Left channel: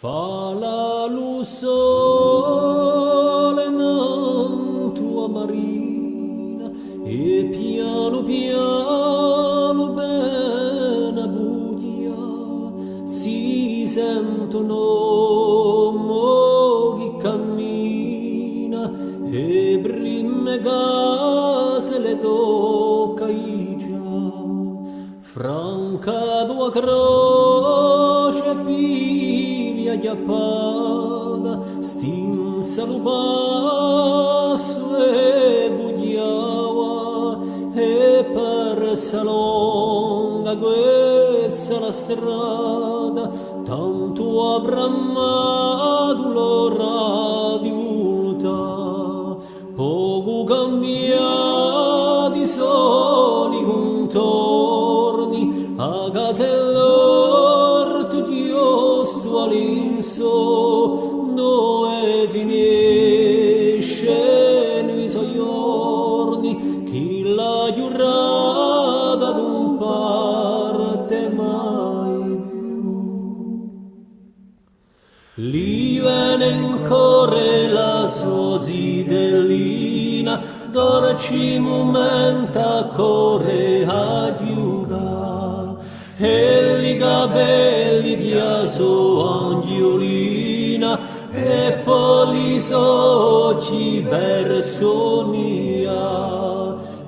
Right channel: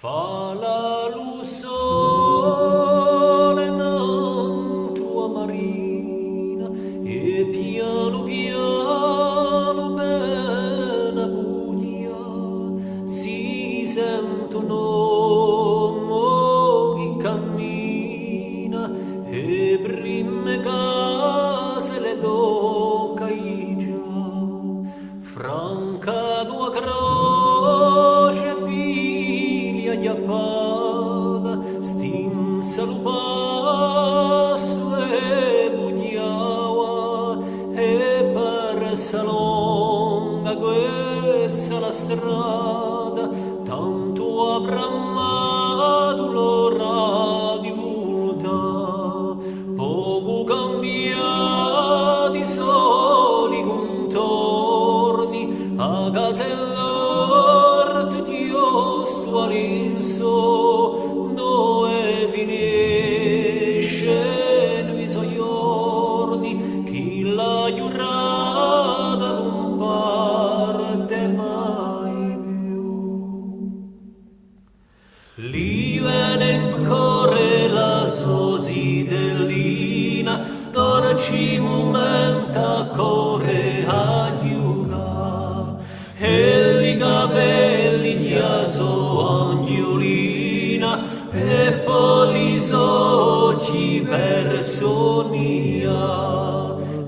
Fa la luce sole in tua marina e piano piano bene buia si sentono mo chi cammina e prime case le tocca già franca tua croce piglia chiappata stinsa lo passo e budiava e per salonga questa la strada tanto abrammato l'ora di volta poco cambiati soli contorni a casa l'orto di osto all'inso dove finisce i suoi giorni chi la giurata non parte mai più lì viene ancora la sua zitellina dorci momenta corre a giuga e i capelli di aso angiolina e poi gli occhi personia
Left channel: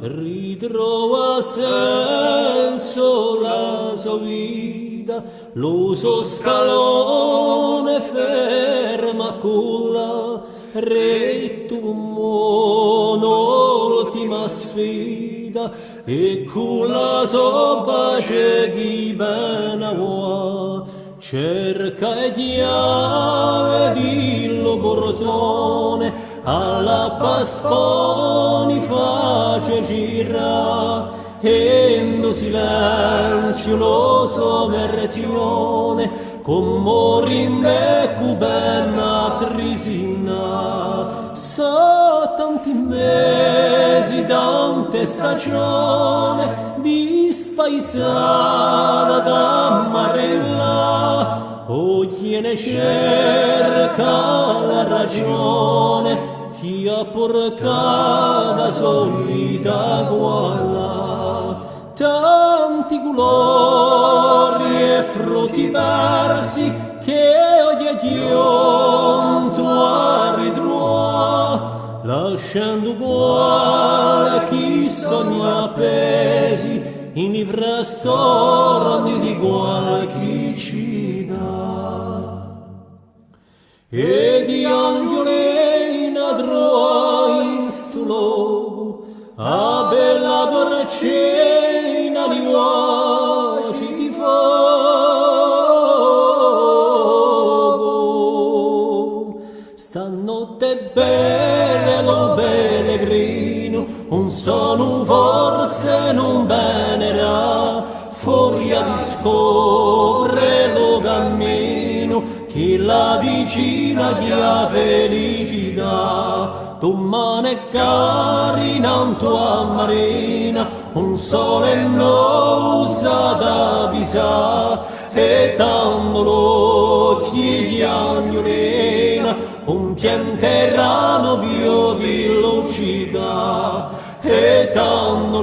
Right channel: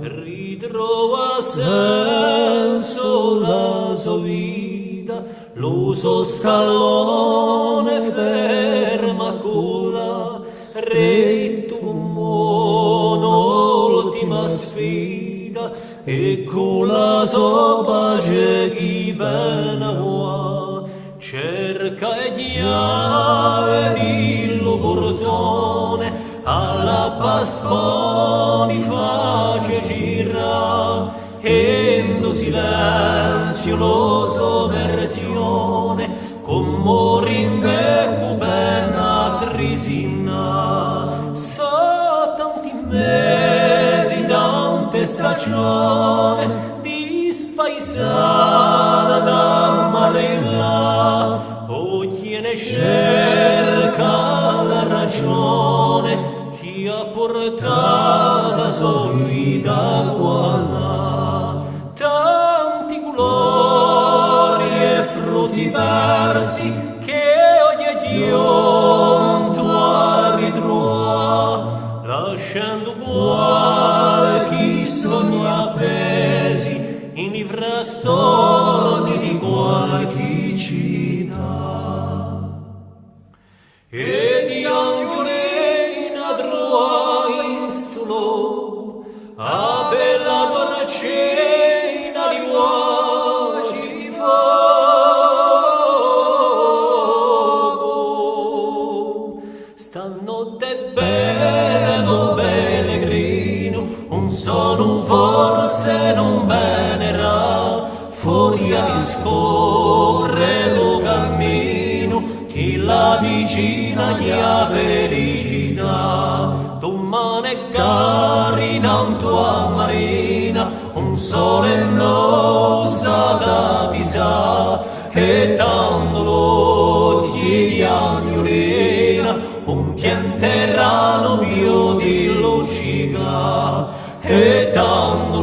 ritrova senso la sua vita lo suo scalone ferma con la retto mono l'ultima sfida e con la sua pace chi bene vuole cerca e chiave di lo portone alla pasponi face gira e in silenzio lo sommergione con morimbe cubenna trisina so tanti mesi tante stagioni di spaesata da marella oggi ne cerca la ragione chi ha portata sua vita qua tanti colori e frutti persi che oggi giunto a ritrova lasciando qualche sogno appesi in i frastorni di qualche città e di angiolina trova in sto luogo a bella torcena di voci di fuoco stanotte belle lo pellegrino un sono forse non venerà fuori a discorre lo cammino chi la vicina chi ha felicità domani carina un tua marina un sole nosa da pisà e tanto l'occhi di agnolina un pianterano mio di lucica e tanto